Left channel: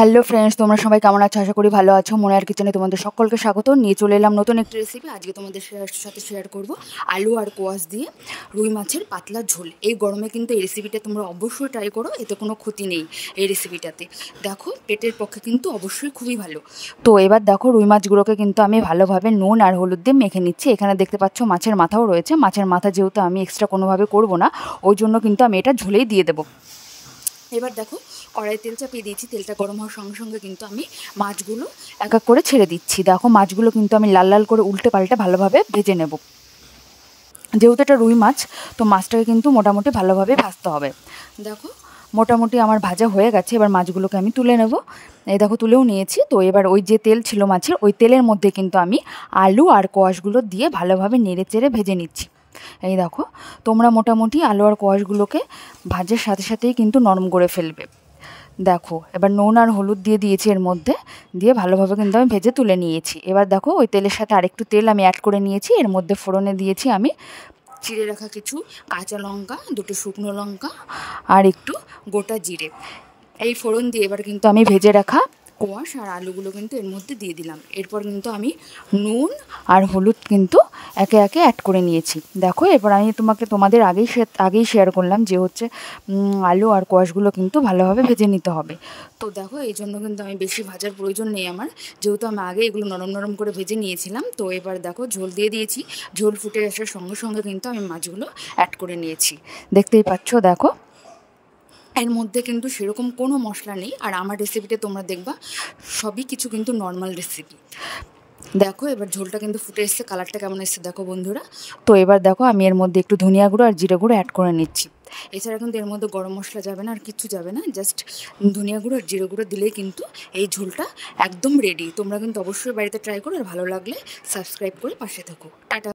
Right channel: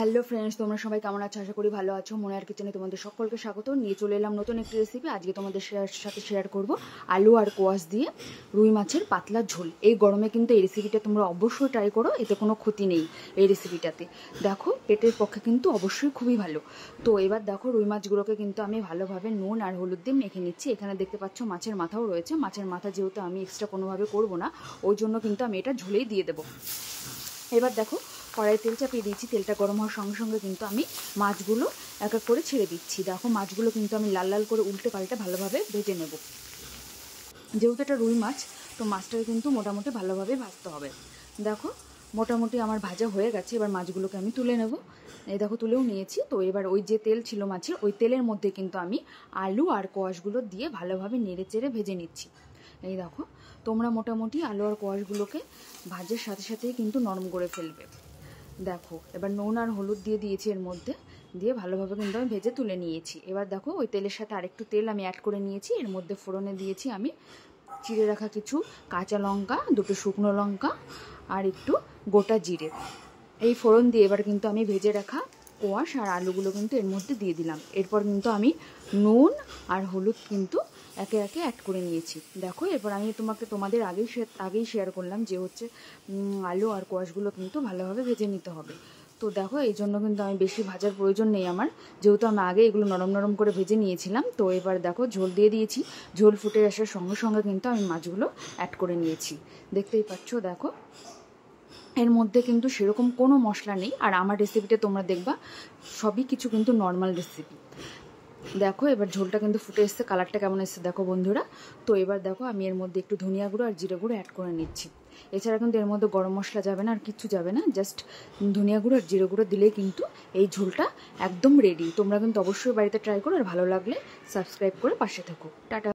Hello friends, তোমরা সবাই কেমন আছো? আশা করি ভালো আছো। মনিয়ার কিচেনে তোমাদের সকলকে স্বাগত। নিয়ে চলে এলাম নতুন একটি রেসিপি। আজকে তোমাদের সাথে শেয়ার করব আলু আর কোয়াশ দিয়ে রুই মাছের পাতলা ঝোল। এই গরমে কিন্তু এই রেসিপিটা তোমরা অবশ্যই ট্রাই করো, এতে কোনো ক্ষতি নেই এই রেসিপিটাতে। দেখো, পেটের পক্ষে কিন্তু অবশ্যই খুবই ভালো। তো এবার দেখো, রুই মাছগুলোকে কিন্তু আমি ভালোভাবে নুন আর হলুদ দিয়ে মেখে নিচ্ছি। এখানে দেখতে পাচ্ছ মাছের মাথাও রয়েছে। মাছের মাথা যেহেতু আমি এক্সট্রা কোনোভাবে করবো না, ওই জন্য কিন্তু আমি এটা ঝোলেই দিয়ে দেবো। এবার দেখো, কড়াই তেল চাপিয়ে দিয়েছি। তেলটা গরম হওয়ার সঙ্গে সঙ্গে কিন্তু আমি মাছগুলো এক এক করে ছেড়ে দিচ্ছি। দেখো, মাছগুলো কিন্তু আমি লাল লাল করে উল্টে পাল্টে ভালোভাবে ভেজে নেব। যেহেতু এটা রুই মাছ, তো মাছটাকে কিন্তু মোটামুটি ভালোভাবে ভাজতে হবে। দেখো, মোটামুটি আমার ভাজা হয়ে গেছে। এবার মাছগুলোকে আমি তুলে নেব। এই দেখো, তুলেও নিয়েছি। তো এবার ওই যে তেল ছিল মাছের, ওই তেলের মধ্যে কিন্তু আমি আলু আর কোয়াশগুলো দিয়ে ভালোভাবে নেড়ে চেড়ে ভেজে নিচ্ছি। এই দেখো, তোমরা মোটামুটি আলু আর কোয়াশগুলোকে ভাজার সাথে সাথেই কিন্তু নরম করে ফেলবে। দেখো, এবার নুন আর হলুদ দিয়ে দিয়েছি এর মধ্যে, দিয়ে ভালোভাবে কিন্তু আমি ভেজে তুলে নিয়েছি। এবার দেখো, ওই তেলের সাথে আরেকটু তেল আমি অ্যাড করে নিয়েছি। এর মধ্যে ফোড়নে দিয়েছি আমি চিড়ে রাখা কিছু কাঁচা লঙ্কা, দুটো শুকনো লঙ্কা আর একটু গোটা জিরে। এই ফোড়ন দিয়ে এবার কিন্তু আমি ভেজে রাখা কোয়াশ আর আলুগুলো কিন্তু এর মধ্যে দিয়ে দিলাম। এরপর কিন্তু আমি নুন আর হলুদ কিন্তু একে একে অ্যাড করে নিয়েছি। দেখো, এরপর আমি তোমাদের আগেই শেয়ার করলাম যে হচ্ছে আলু আর কোয়াশগুলো কিন্তু ভালোভাবে ভেজে নিতে হবে। তো দেখো, এই জন্য কিন্তু আমি বেশি ভাজার প্রয়োজন নেই আমার, যেহেতু আমি আগে এগুলো নরম নরম করে ভেজে নিয়েছিলাম। তো এবার দেখো, ঝোল দিয়ে দিয়েছি। ঝোল ফুটে আসার সঙ্গে সঙ্গে কিন্তু আমি মাছগুলো অ্যাড করে নিয়েছি। দেখতেই পাচ্ছ, দেখো, এর মধ্যে কিন্তু সেরকম কোনো মশলা নেই। আর আমার রেসিপিটা তোমরা দেখবা সবই কিছু কিন্তু নর্মাল রেসিপি। দেখো, এবার ঝোলটা কিন্তু ফুটে এসছে, কালারটা কেমন এসছে দেখো বন্ধুরা। তো এবার দেখো, আমি এর মধ্যে একটু ধনিয়া গুঁড়ো আর জিরে গুঁড়ো অ্যাড করে নিচ্ছি। এছাড়া কিন্তু এর মধ্যে গরম মশলা যাবে না, আর কিচ্ছু যাবে না। জাস্ট ধনিয়া গুঁড়ো আর জিরে গুঁড়ো দিলেই কিন্তু এই ঝোলটা একদম রেডি। তোমরা কিন্তু অবশ্যই বাড়িতে ট্রাই করো, আর ভালো লাগলে সাবস্ক্রাইব করে পাশে থাকো। টাটা।